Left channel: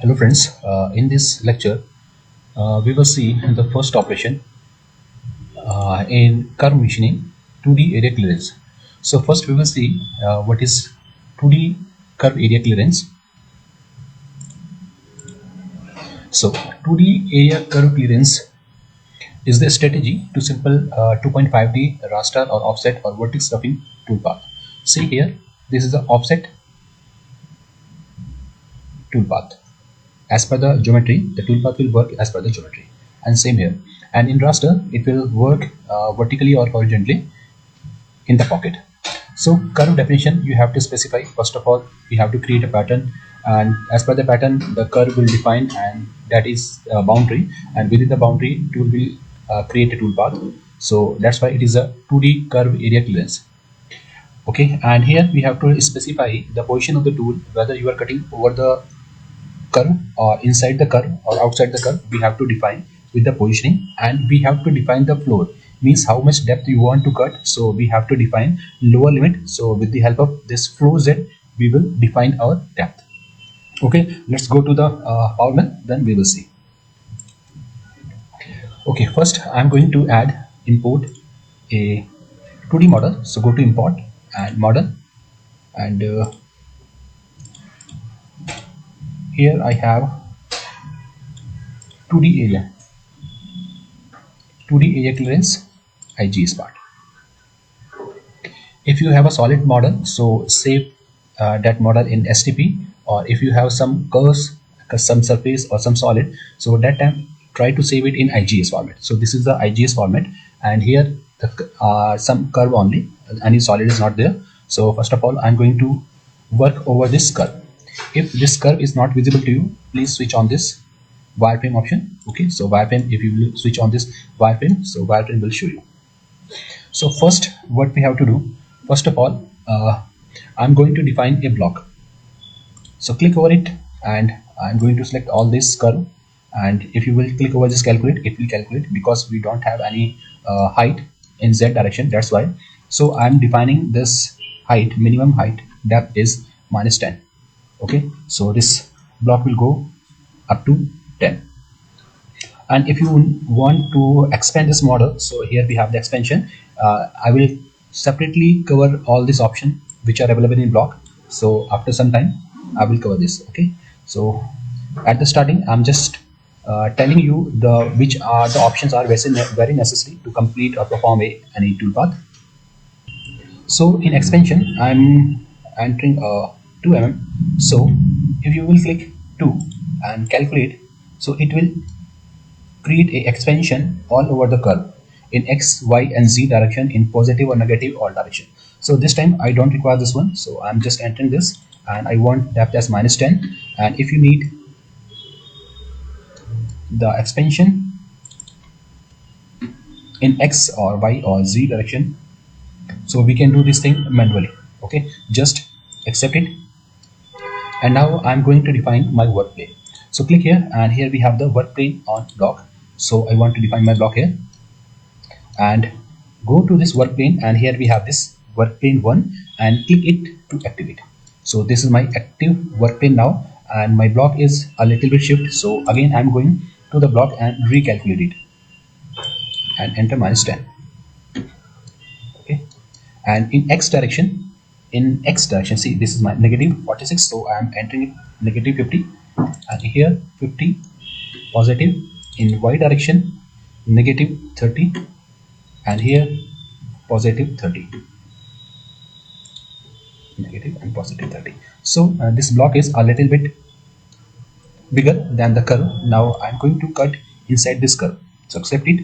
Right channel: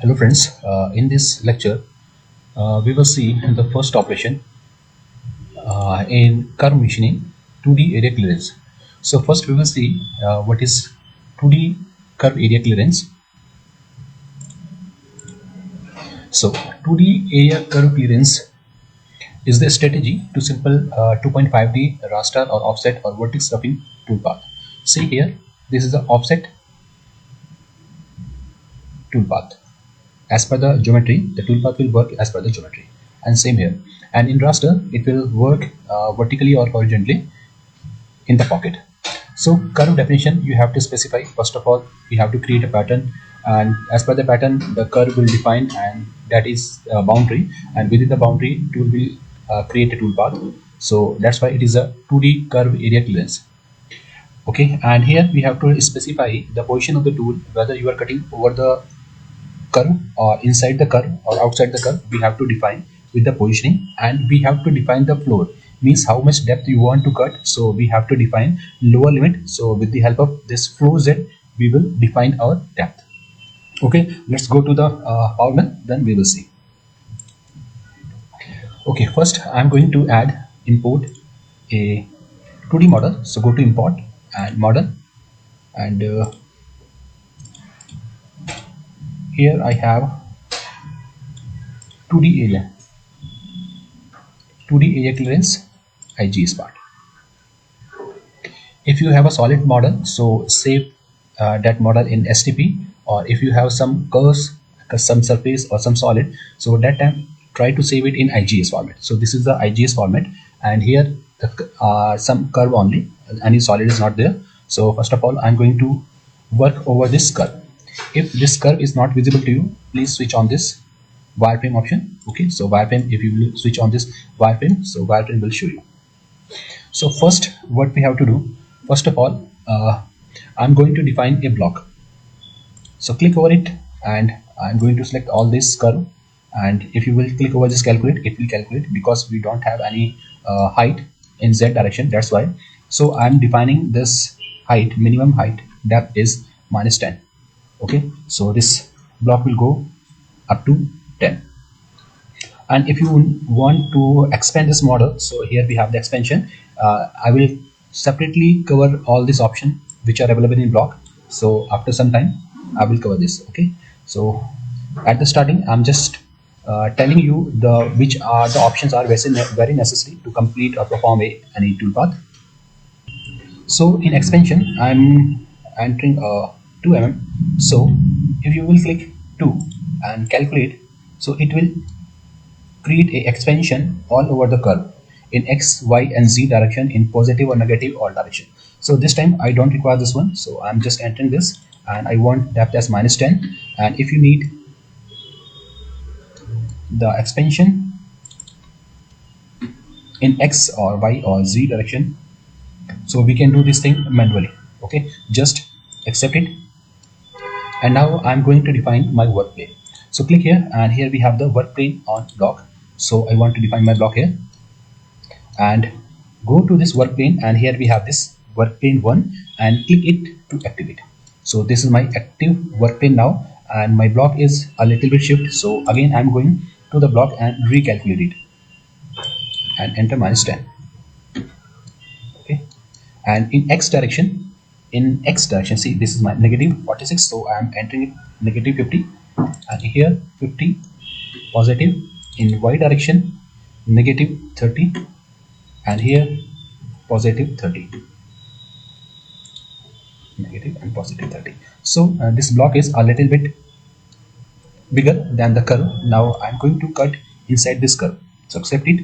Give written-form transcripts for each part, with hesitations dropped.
Hello friends, in this lecture we will see the first operation in curve machining 2D area clearance. So first we will see what is 2D curve area clearance. So 2D area curve clearance is the strategy to simple 2.5D raster or offset or vertex roughing toolpath. See here, this is the offset toolpath. As per the geometry, the toolpath will work as per the geometry, and same here. And in raster, it will work vertically or horizontally in the pocket. So curve definition, you have to specify. First of all, you have to create a pattern, and as per the pattern, the curve will define, and that is boundary. And within the boundary, tool will create a toolpath. So that's why it is a 2D curve area clearance. Okay, and here we have to specify the position of the tool, whether you are cutting over the curve or inside the curve or outside the curve. We have to define with the positioning, and we have to define the floor, means how much depth you want to cut. So we have to define lower limit. So with the help of this flow z, we will define our depth. Okay, let's go to the PowerMill, then we will see. Okay, first I'm going to add import a 2D model. So go to import and model, and here I have 2D area clearance IGS part. If you have a solid model, so save that model in STP, or if you have some curves, some surface or some solid, so that time try to save it in IGS format. So this is the IGS format, and here some curve only, any solid is not there. So first of all, I'm going to work over this curve. If this curve is not visible to you, please switch on this wireframe option. Okay, so wireframe, if you switch on this wireframe, so wireframe will show you. So first, what we have to do, first of all, I'm going to define a block. So click over it, and I'm going to select all this curve, and if you will click over this calculate, it will calculate, because we don't have any height in Z direction, that's why. So I'm defining this height, minimum height, depth is -10. Okay, so this block will go up to 10. And if you want to expand this model, so here we have the expansion. I will separately cover all these options which are available in block. So after some time I will cover this. Okay, so at the starting I'm just telling you the which are the options are very necessary to complete or perform any toolpath. So in expansion I'm entering 2 mm. So if you will click 2 and calculate, so it will create a expansion all over the curve in X, Y, and Z direction, in positive or negative all direction. So this time I don't require this one, so I'm just entering this, and I want depth as -10. And if you need the expansion in X or Y or Z direction, so we can do this thing manually. Okay, just accept it. And now I'm going to define my work plane. So click here, and here we have the work plane on block. So I want to define my block here, and go to this work plane, and here we have this work plane 1, and click it to activate. So this is my active work plane now, and my block is a little bit shift. So again I'm going to the block and recalculate it, and enter -10. Okay, and in X direction, see, this is my -46, so I'm entering it -50, and here 50 positive. In Y direction -30, and here positive 30, negative and positive 30. So this block is a little bit bigger than the curve. Now I'm going to cut inside this curve, so accept it.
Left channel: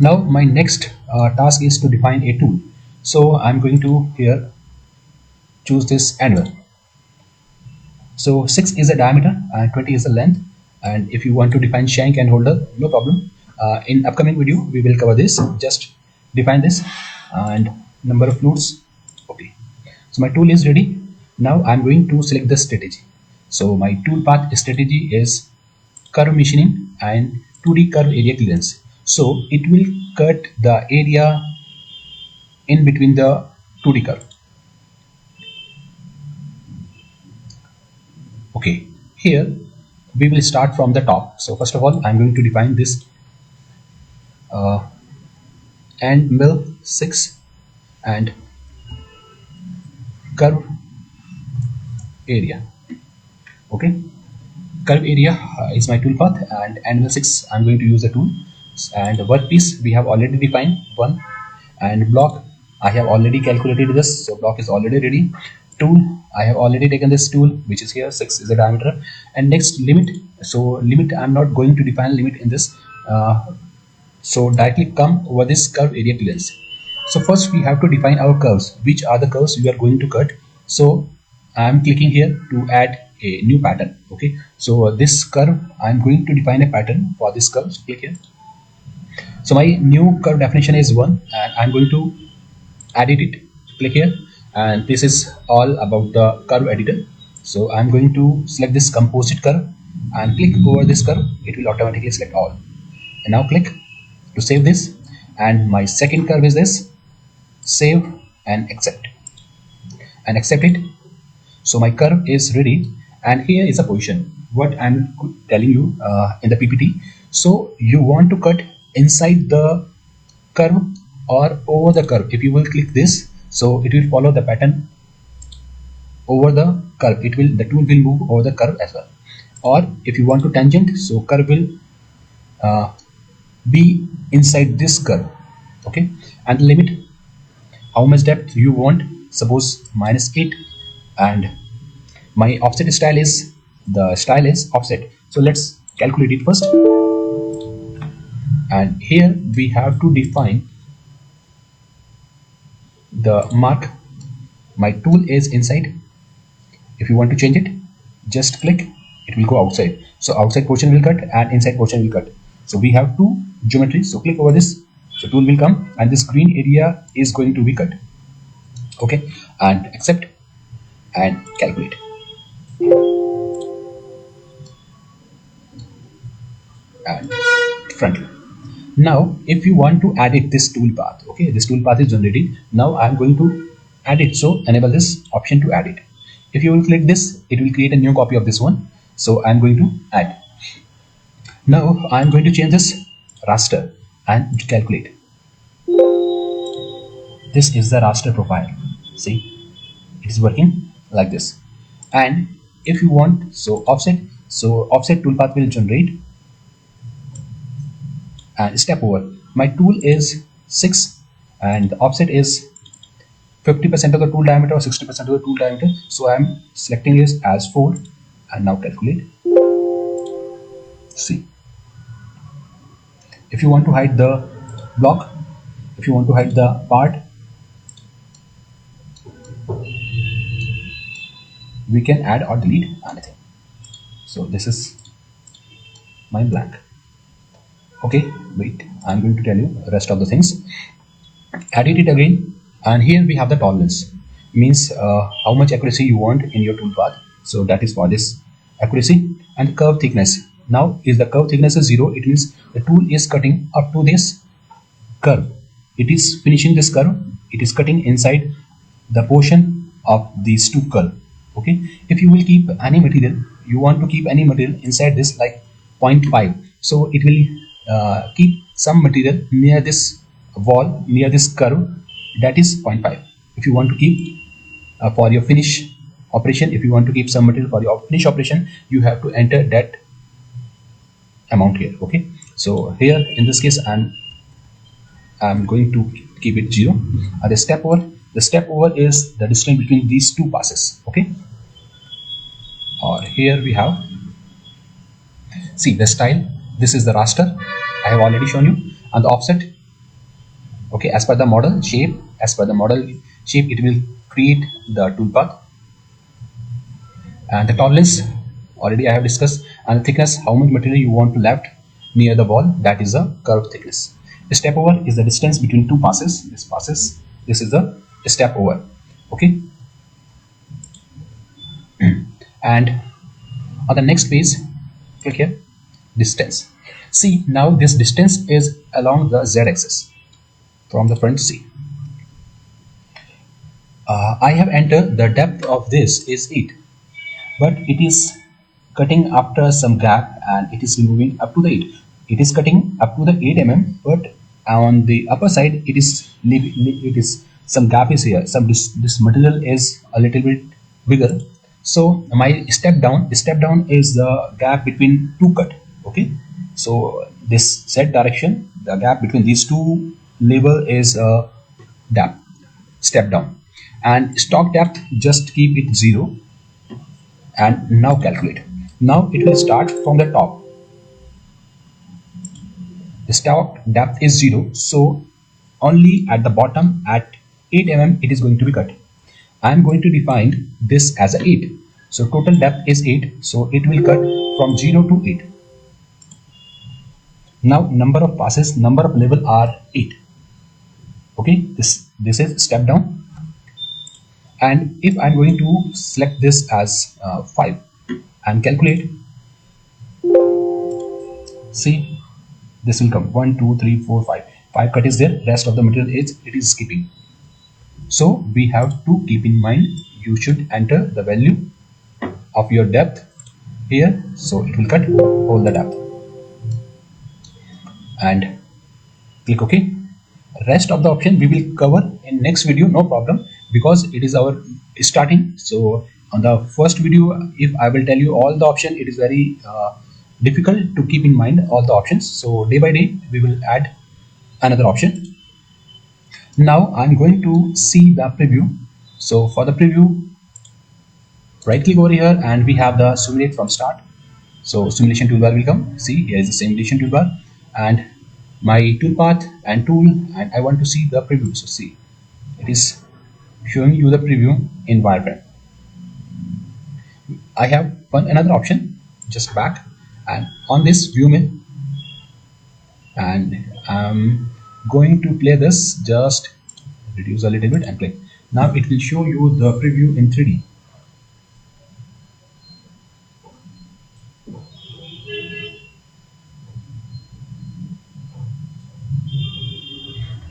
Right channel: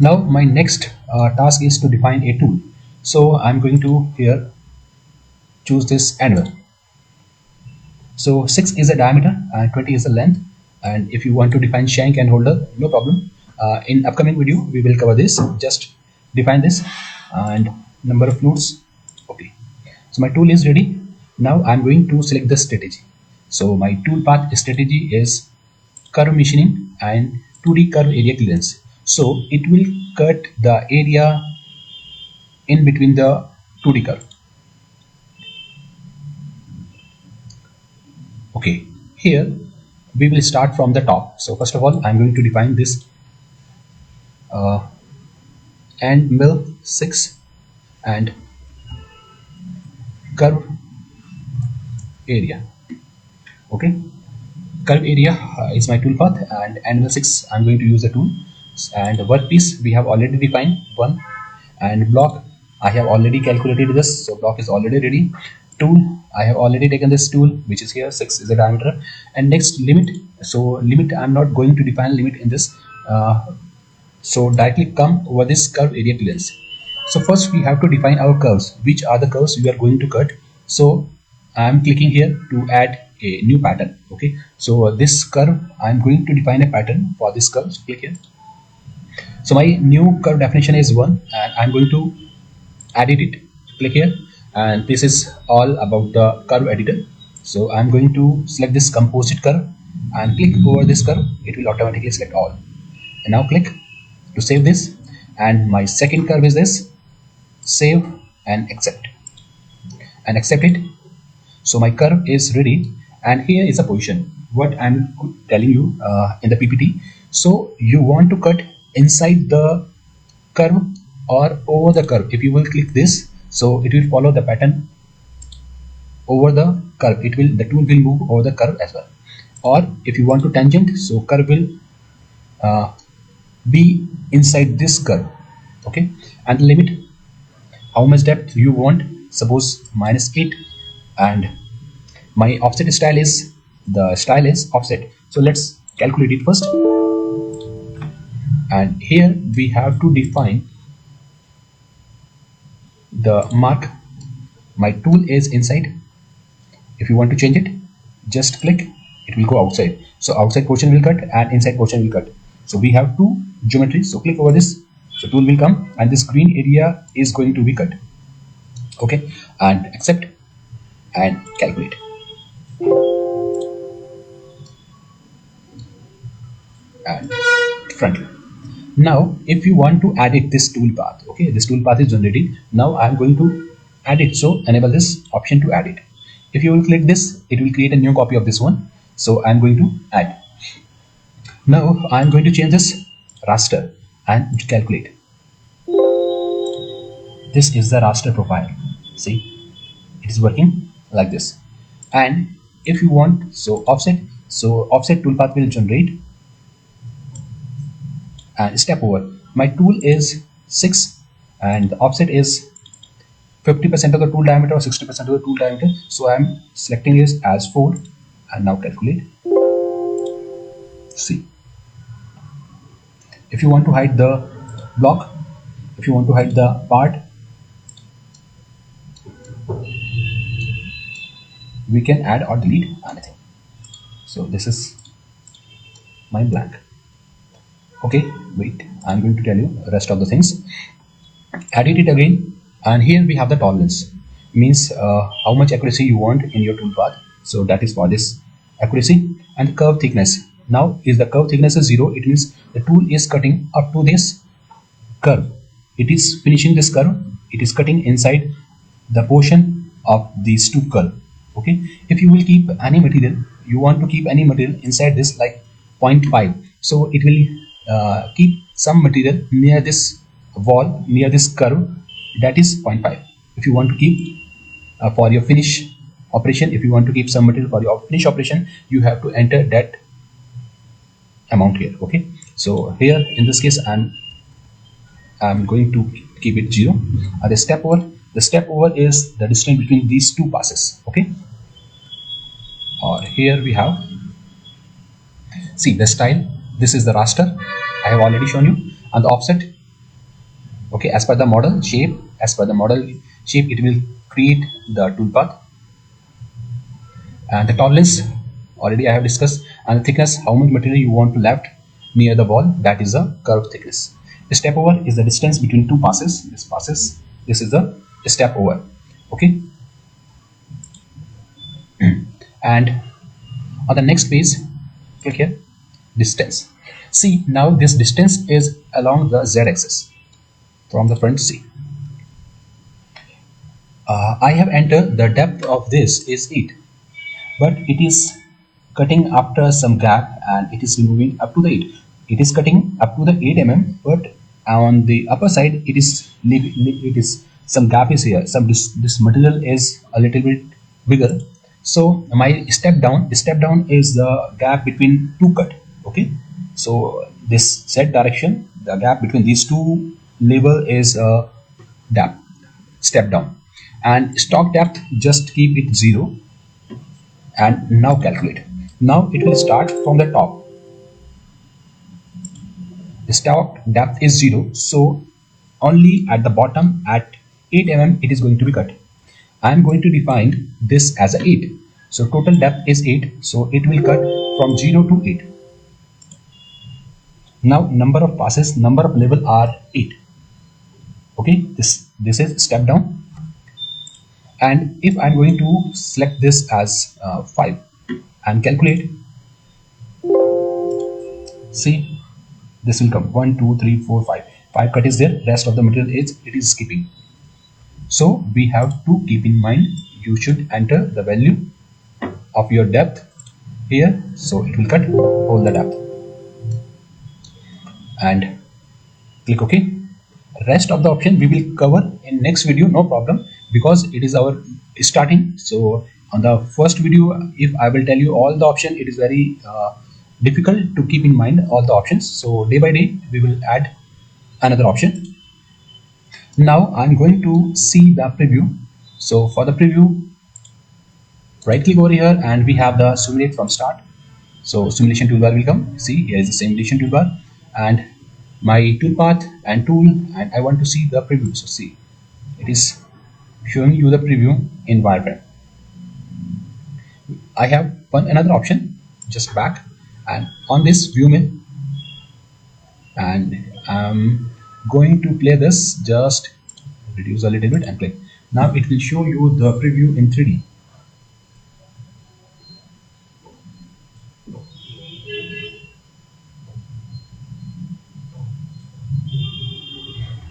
Now my next task is to define a tool. So I'm going to here choose this anvil. So 6 is a diameter and 20 is the length. And if you want to define shank and holder, no problem. In upcoming video we will cover this. Just define this and number of flutes. Okay, so my tool is ready. Now I'm going to select the strategy. So my toolpath strategy is curve machining and 2D curve area clearance. So it will cut the area in between the 2D curve. Okay, here we will start from the top. So first of all, I'm going to define this and mill 6 and curve area. Okay, curve area is my tool path, and angle 6 I'm going to use the tool. And workpiece we have already defined 1, and block I have already calculated this, so block is already ready. Tool I have already taken this tool, which is here 6 is the diameter. And next, limit. So limit, I'm not going to define limit in this, so directly come over this curve area clearance. So first we have to define our curves, which are the curves we are going to cut. So I'm clicking here to add a new pattern. Okay, so this curve I'm going to define a pattern for this curve. So click here. So my new curve definition is 1, and I'm going to edit it. Click here, and this is all about the curve editor. So I'm going to select this composite curve and click over this curve. It will automatically select all. And now click to save this. And my second curve is this. Save and accept it. So my curve is ready, and here is a position what I'm telling you in the PPT. So you want to cut inside the curve or over the curve. If you will click this, so it will follow the pattern over the curve. The tool will move over the curve as well. Or if you want to tangent, so curve will be inside this curve. Okay, and the limit, how much depth you want, suppose -8, and my offset style is offset. So let's calculate it first. And here we have to define the mark. My tool is inside. If you want to change it, just click, it will go outside. So outside portion will cut and inside portion will cut. So we have two geometries. So click over this. So tool will come, and this green area is going to be cut. Okay, and accept and calculate. And front view. Now if you want to edit this tool path, okay, this tool path is generated. Now I'm going to add it. So enable this option to add it. If you will click this, it will create a new copy of this one. So I'm going to add. Now I'm going to change this raster and calculate. This is the raster profile. See, it is working like this. And if you want, so offset toolpath will generate. And step over. My tool is 6, and the offset is 50% of the tool diameter or 60% of the tool diameter. So I'm selecting this as 4, and now calculate. See, if you want to hide the block, if you want to hide the part, we can add or delete anything. So this is my blank. Okay, wait, I'm going to tell you the rest of the things. Edit it again, and here we have the tolerance, means how much accuracy you want in your tool path. So that is for this accuracy. And curve thickness. Now is the curve thickness is 0, it means the tool is cutting up to this curve. It is finishing this curve. It is cutting inside the portion of these two curve. Okay, if you will keep any material, you want to keep any material inside this, like 0.5, so it will keep some material near this wall, near this curve, that is 0.5. If you want to keep for your finish operation, if you want to keep some material for your finish operation, you have to enter that amount here. Okay, so here in this case I'm going to keep it 0. The step over is the distance between these two passes. Okay, or here we have, see the style, this is the raster I have already shown you, and the offset. Okay, as per the model shape, it will create the tool path. And the tolerance already I have discussed. And the thickness, how much material you want to left near the wall, that is the curve thickness. The step over is the distance between two passes. This is the step over. Okay, and on the next page, okay, distance. See, now this distance is along the z-axis from the front. See, I have entered the depth of this is 8, but it is cutting after some gap and it is removing up to the 8. It is cutting up to the 8 but on the upper side it is some gap is here. This material is a little bit bigger. So my step down is the gap between two cut. Okay. So this Z direction, the gap between these two level is depth, step down. And stock depth, just keep it 0 and now calculate. Now it will start from the top. The stock depth is 0, so only at the bottom at 8 it is going to be cut. I am going to define this as a 8. So total depth is 8, so it will cut from 0 to 8. Now number of passes, number of level are 8. Okay, this is step down. And if I'm going to select this as 5 and calculate, say this will come 1 2 3 4 5. 5 cut is there, rest of the material is it is skipping. So we have to keep in mind, you should enter the value of your depth here, so it will cut all the depth and click OK. Rest of the option we will cover in next video, no problem, because it is our starting. So on the first video, if I will tell you all the option, it is very difficult to keep in mind all the options. So day by day we will add another option. Now I'm going to see the preview. So for the preview, right click over here and we have the simulate from start. So simulation toolbar will come. See, here is the simulation toolbar and my toolpath and tool, and I want to see the preview. So see, it is showing you the preview in wireframe. I have another option, just back and on this VMC, and I'm going to play this, just reduce a little bit and play. Now it will show you the preview in 3D.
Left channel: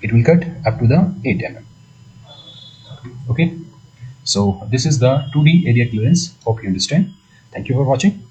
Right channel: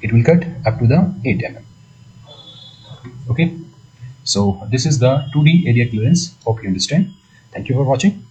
It will cut up to the 8 Okay, so this is the 2D area clearance. Hope you understand. Thank you for watching.